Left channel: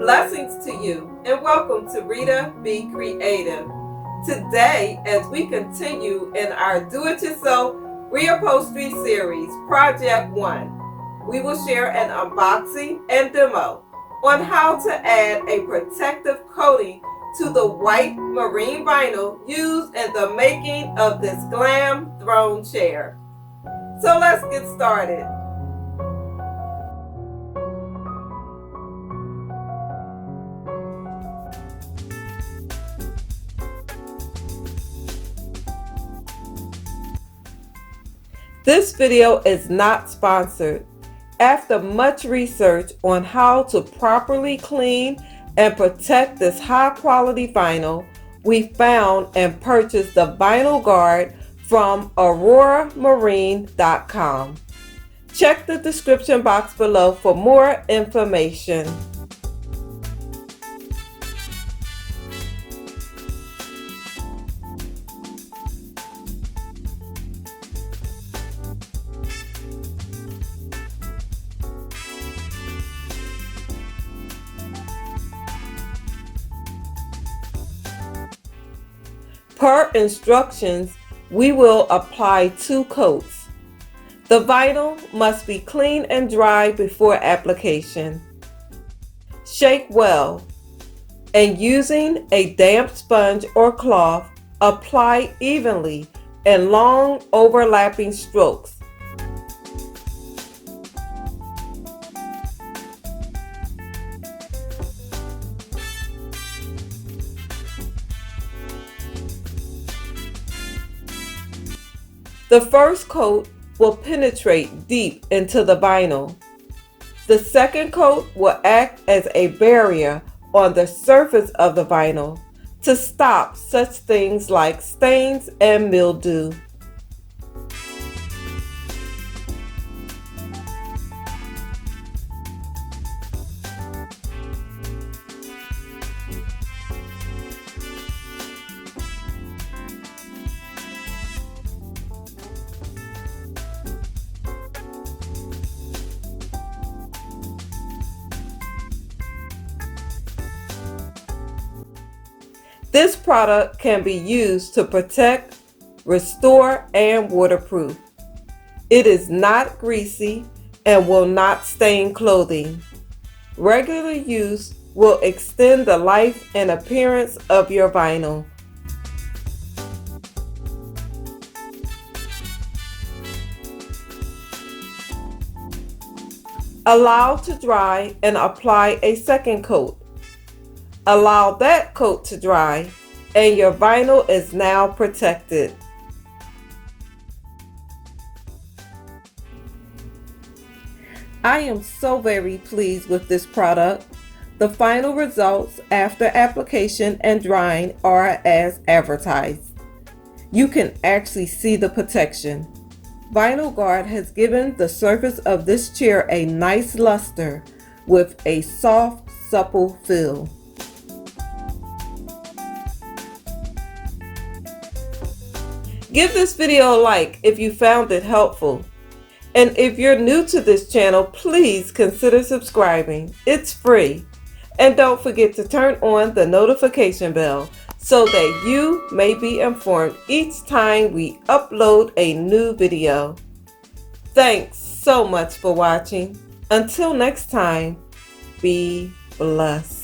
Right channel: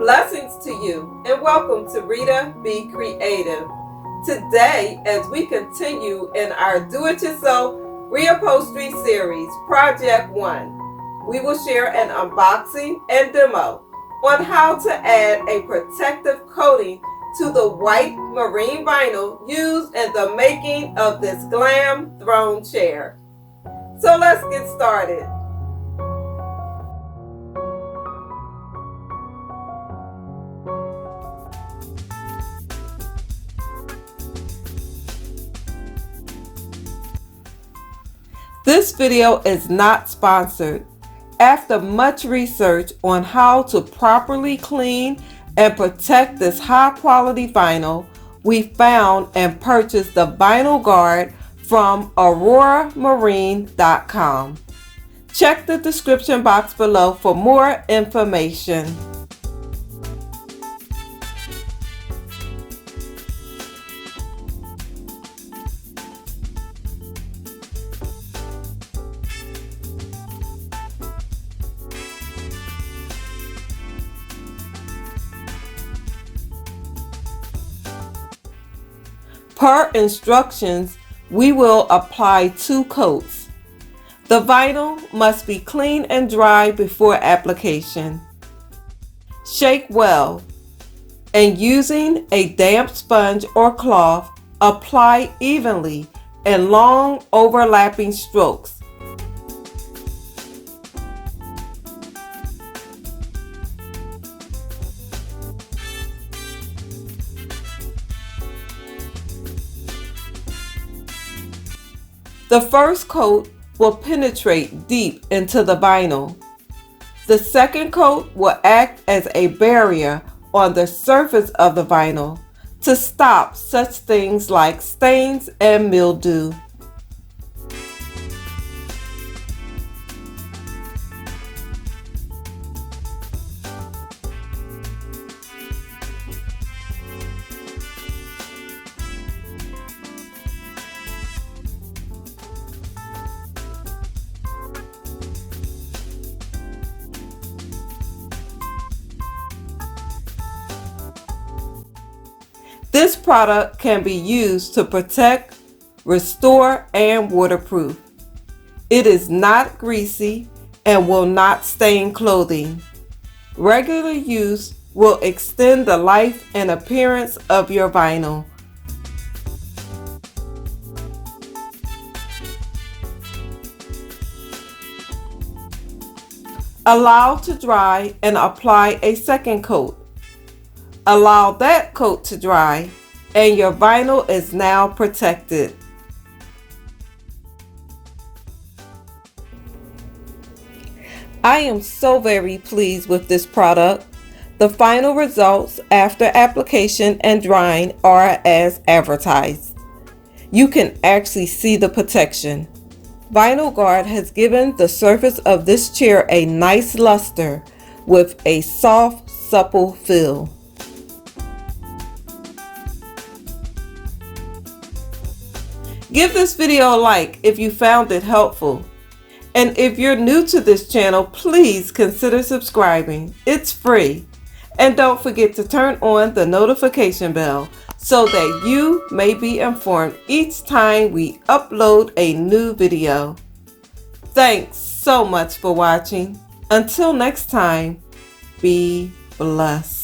Blessings to you and welcome to Rita Be Creative. Today, as we continue in our Do-It-Yourself Reupholstery series, Project 1, we will share an unboxing and demo on how to add a protective coating to the white marine vinyl used in the making of this glam throne chair. So let's get started. This video is not sponsored. After much research on how to properly clean and protect this high quality vinyl, we found and purchased the vinyl guard from auroramarine.com. Check the description box below for more information. Per instructions, we will apply 2 coats. The vinyl must be clean and dry before application. Shake well, and using a damp sponge or cloth, apply evenly in long overlapping strokes. The first coat will penetrate deep into the vinyl. The second coat will act as a barrier on the surface of the vinyl to stop such things like stains and mildew. This product can be used to protect, restore, and waterproof. It is not greasy and will not stain clothing. Regular use will extend the life and appearance of your vinyl. Allow to dry and apply a second coat. Allow that coat to dry, and your vinyl is now protected. I am so very pleased with this product. The final results after application and drying are as advertised. You can actually see the protection. Vinyl Guard has given the surface of this chair a nice luster with a soft, supple feel. Give this video a like if you found it helpful. And if you're new to this channel, please consider subscribing. It's free. And don't forget to turn on the notification bell so that you may be informed each time we upload a new video. Thanks so much for watching. Until next time, be blessed.